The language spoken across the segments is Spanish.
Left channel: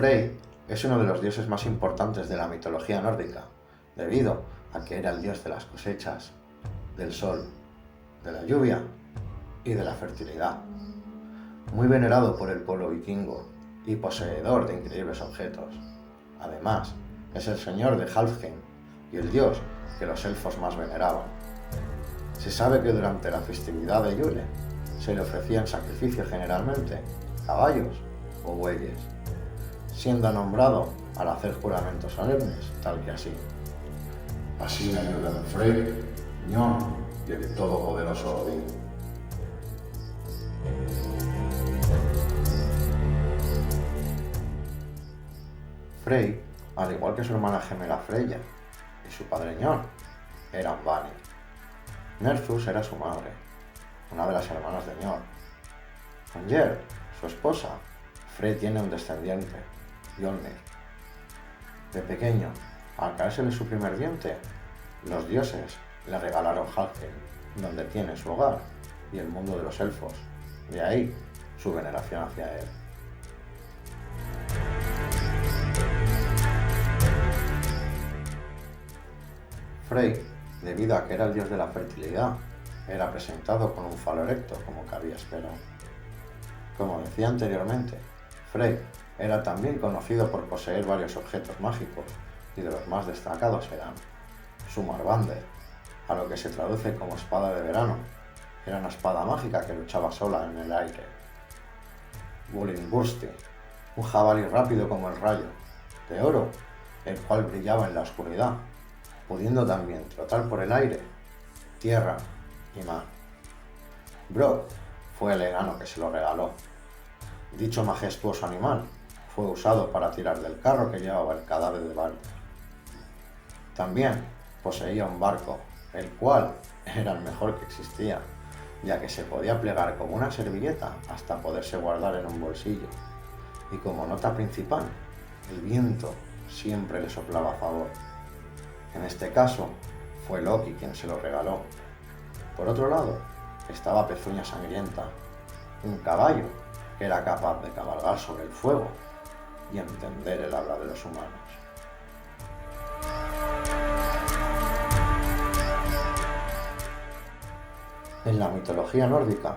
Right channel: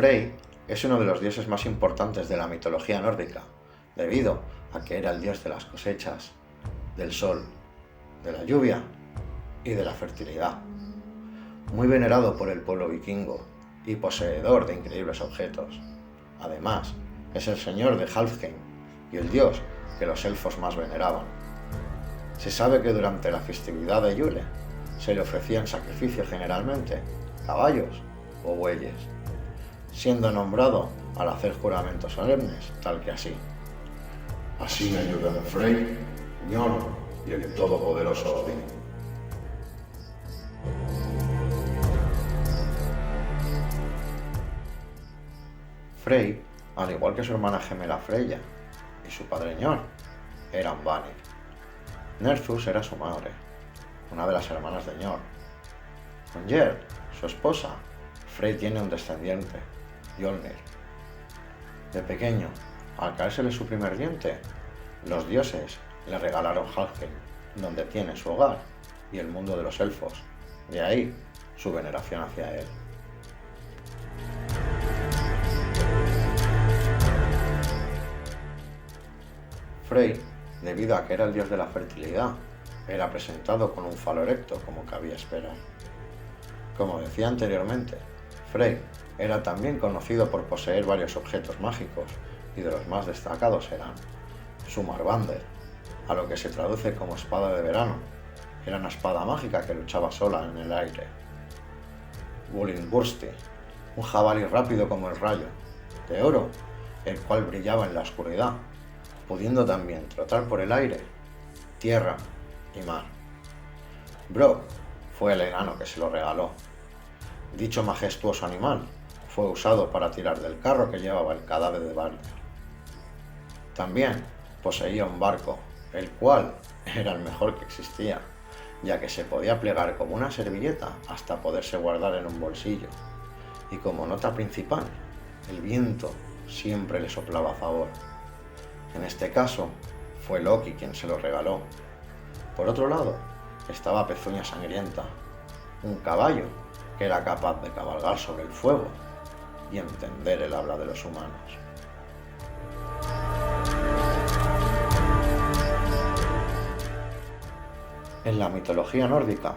Frey es uno de los dioses más importantes de la mitología nórdica, debido a que era el dios de las cosechas, del sol, de la lluvia y de la fertilidad. Muy venerado por el pueblo vikingo y poseedor de increíbles objetos. Además, es el señor de Halfheim y el dios que los elfos más veneraban. Se sabe que durante la festividad de Yule se le ofrecían sacrificios generalmente caballos o bueyes, siendo nombrado al hacer juramentos solemnes, tal que así. Así me ayudan Frey, Njord y el todopoderoso Odín. Frey, al igual que su hermana gemela Freya y su padre Njord, eran Vanir. Nerthus era su madre, una de las hermanas de Njord. Con Gerd, su esposa, Frey tiene un descendiente, Mjolnir. De pequeño, al caérsele su primer diente, los dioses le regalaron Helheim, donde tiene su hogar y el mundo de los elfos, de ahí su veneración hacia él. Frey, debido a que era el dios de la fertilidad, era presentado con un falo erecto, como cabía esperar. Como decía anteriormente, Frey era también conocido por poseer varios objetos mágicos, y de los más destacados eran su Marvander, a lo que se traduce como espada de verano, era una espada mágica que luchaba sola en el aire. Bullingursti, un jabalí rápido como el rayo, de oro, el cual brillaba en la oscuridad, pudiendo también trotar por el aire, tierra y mar. Brok fue el enano que se lo regaló. Dicho majestuoso animal fue usado para tirar del carro que llevaba el cadáver de Balder. También poseía un barco, el cual era el mejor que existía, ya que se podía plegar como una servilleta hasta poderse guardar en un bolsillo. Y como nota principal, el viento siempre le soplaba a favor. En este caso, fue Loki quien se lo regaló. Por otro lado, estaba Pezuña Sangrienta, un caballo que era capaz de cabalgar sobre el fuego y entender el habla de los humanos. En la mitología nórdica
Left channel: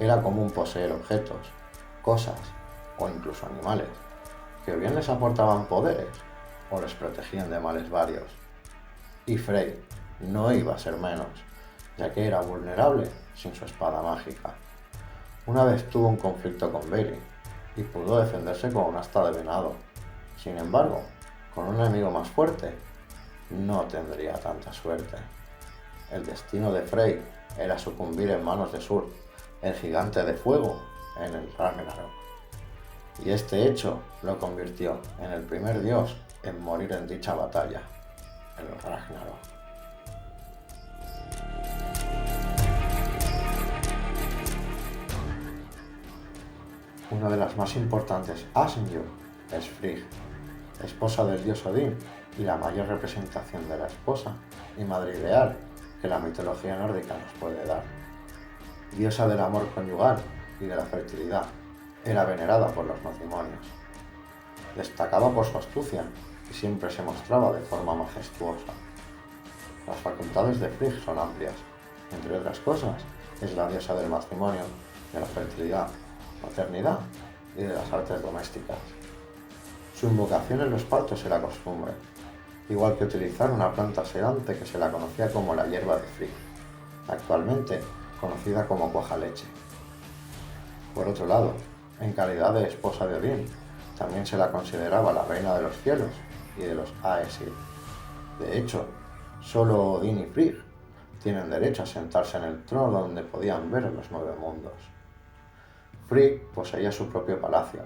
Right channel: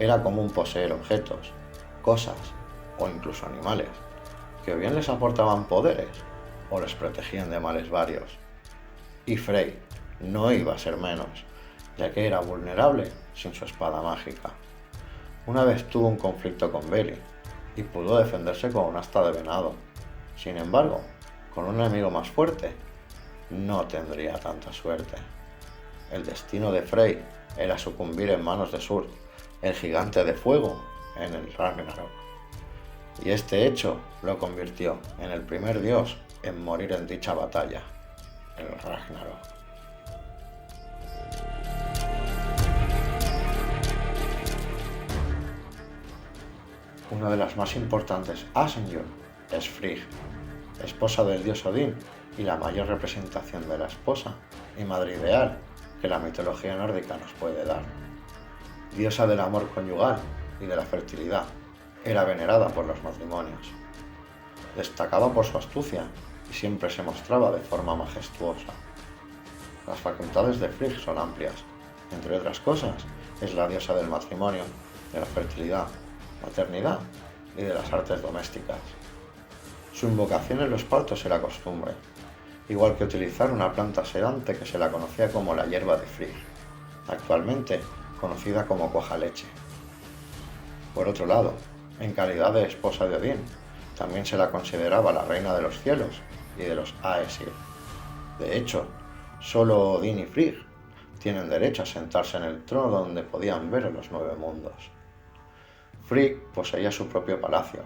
era común poseer objetos, cosas o incluso animales que o bien les aportaban poderes o les protegían de males varios. Y Frey no iba a ser menos, ya que era vulnerable sin su espada mágica. Una vez tuvo un conflicto con Veli y pudo defenderse con una asta de venado. Sin embargo, con un enemigo más fuerte, no tendría tanta suerte. El destino de Frey era sucumbir en manos de Surd, el gigante de fuego, en el Ragnarok. Y este hecho lo convirtió en el primer dios en morir en dicha batalla, el Ragnarok. Una de las más importantes, Asenjord, es Frigg, esposa del dios Odín y la mayor representación de la esposa y madre ideal que la mitología nórdica nos puede dar. Diosa del amor conyugal y de la fertilidad, era venerada por los matrimonios. Destacaba por su astucia y siempre se mostraba de forma majestuosa. Las facultades de Frigg son amplias. Entre otras cosas, es la diosa del matrimonio, de la fertilidad, maternidad y de las artes domésticas. Su invocación en los partos era costumbre, igual que utilizar una planta sedante que se la conocía como la hierba de Frigg, actualmente conocida como cuajaleche. Por otro lado, en calidad de esposa de Odín, también se la consideraba la reina de los cielos y de los Aesir. De hecho, solo Odín y Frigg tienen derecho a sentarse en el trono donde podían ver los 9 mundos. Frigg poseía su propio palacio,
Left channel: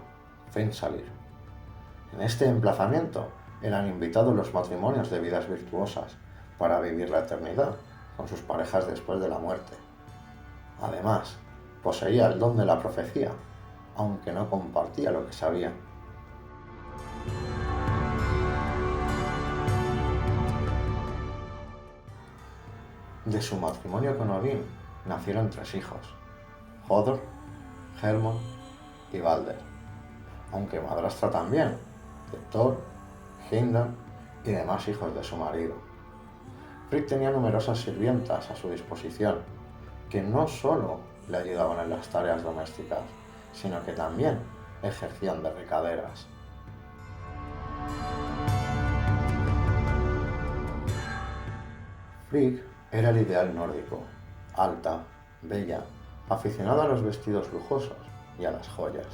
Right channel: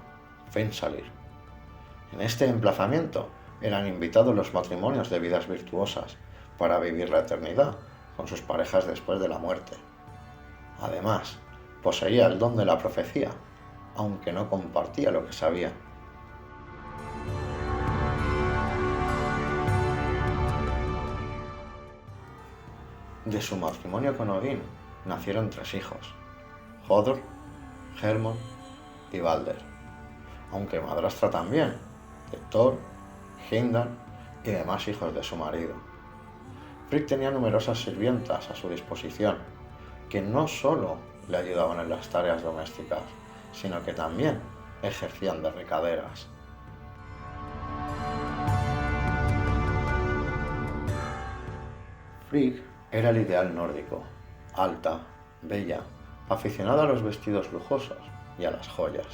Fensalir. En este emplazamiento eran invitados los matrimonios de vidas virtuosas para vivir la eternidad con sus parejas después de la muerte. Además, poseía el don de la profecía, aunque no compartía lo que sabía. De su matrimonio con Odín nacieron 3 hijos, Hodor, Hermod y Balder, aunque madrastra también, de Thor, Heimdall y demás hijos de su marido. Frigg tenía numerosas sirvientas a su disposición, que no solo le ayudaban en las tareas domésticas, sino que también ejercían de recaderas. Frigg era el ideal nórdico, alta, bella, aficionada a los vestidos lujosos y a las joyas,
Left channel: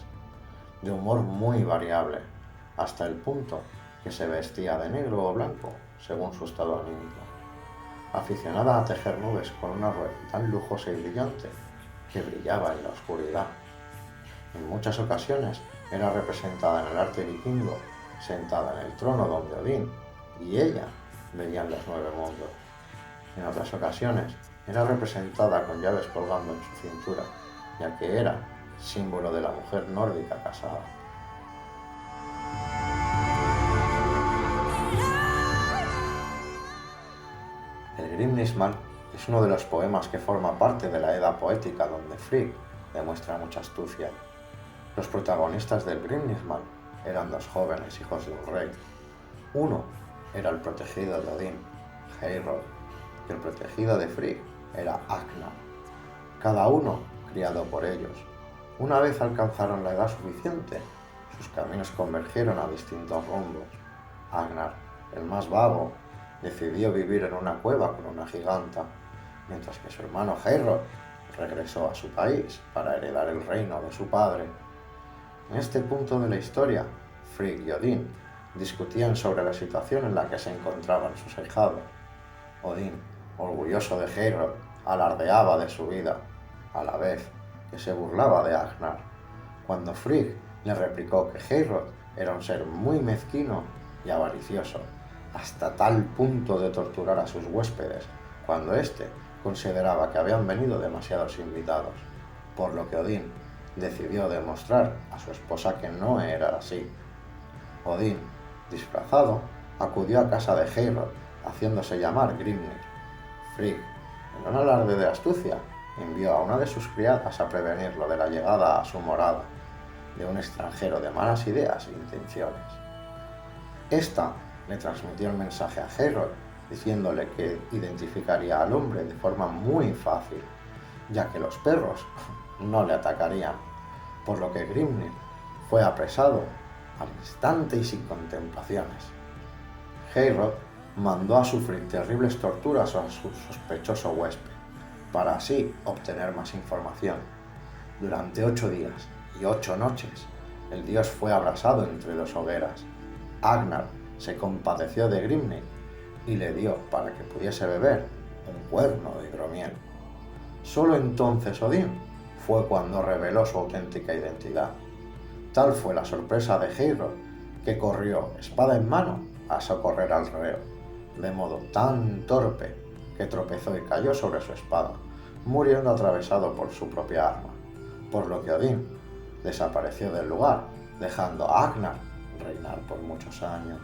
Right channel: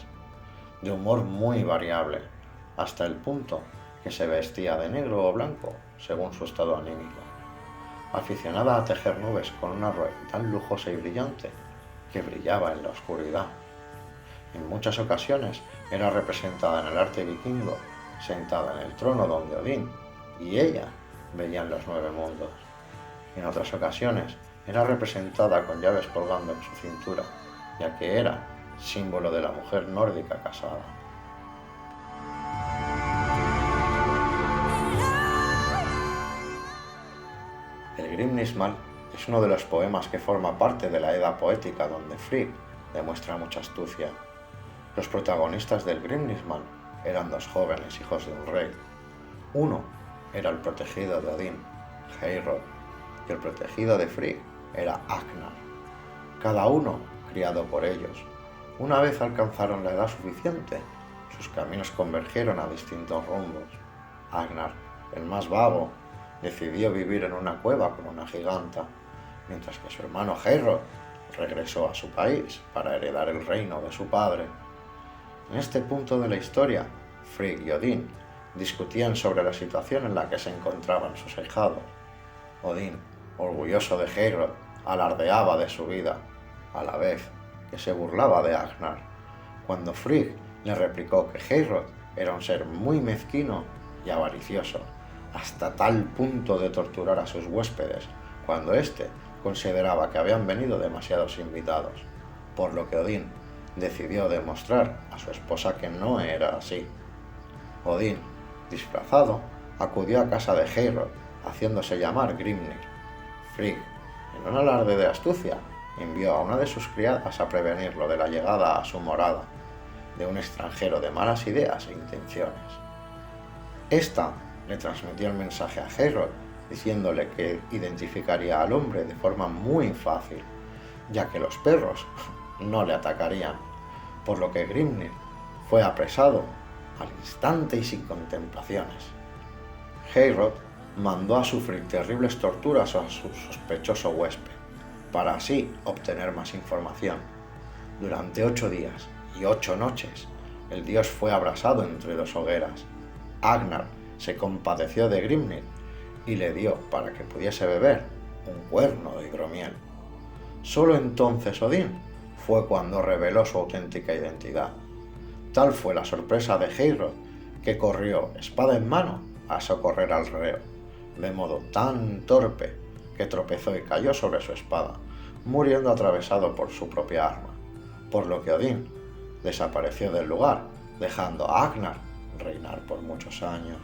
de humor muy variable, hasta el punto que se vestía de negro o blanco según su estado anímico, aficionada a tejer nubes con una red tan lujosa y brillante que brillaba en la oscuridad. En muchas ocasiones era representada en el arte vikingo, sentada en el trono donde Odín y ella veían los 9 mundos. En otras ocasiones era representada con llaves colgando en su cintura, ya que era símbolo de la mujer nórdica casada. El Grimnismal es uno de los poemas que forma parte de la Edda poética donde Frigg demuestra mucha astucia. Los protagonistas del Grimnismal eran 2 jóvenes hijos de un rey. Uno era el protegido de Odín, Heorot, y el protegido de Frigg era Agnar, cada uno criado por ellos. Una vez alcanzaron la edad suficiente, sus caminos convergieron a distintos rumbos. Agnar, el más vago, decidió vivir en una cueva con una giganta, mientras que su hermano Heorot regresó a su país para heredar el reino de su padre. En este punto de la historia, Frigg y Odín discutían sobre la situación en la que se encontraban sus ahijados. Odín, orgulloso de Heorot, alardeaba de su vida, a la vez que se burlaba de Agnar, cuando Frigg le replicó que Heorot era un ser muy mezquino y avaricioso, hasta tal punto de torturar a sus huéspedes, cuando éste consideraba que habían venido demasiados invitados, por lo que Odín decidió demostrar a su esposa que no era así. Odín, disfrazado, acudió a casa de Heorot, haciéndose llamar Grimnir. Frigg, en un alarde de astucia, envió a una de sus criadas a prevenirlo de la llegada a su morada de un extranjero de malas ideas e intenciones. Esta le transmitió el mensaje a Heorot, diciéndole que identificaría al hombre de forma muy fácil, ya que los perros no le atacarían, por lo que Grimnir fue apresado al instante y sin contemplaciones. Heorot mandó a sufrir terribles torturas a su sospechoso huésped, para así obtener más información. Durante 8 días y 8 noches, el dios fue abrasado entre 2 hogueras. Agnar se compadeció de Grimnir y le dio, para que pudiese beber, un cuerno de hidromiel. Solo entonces Odín fue cuando reveló su auténtica identidad. Tal fue la sorpresa de Heorot que corrió, espada en mano, a socorrer al reo, de modo tan torpe que tropezó y cayó sobre su espada, muriendo atravesado por su propia arma, por lo que Odín desapareció del lugar, dejando a Agnar reinar por muchos años.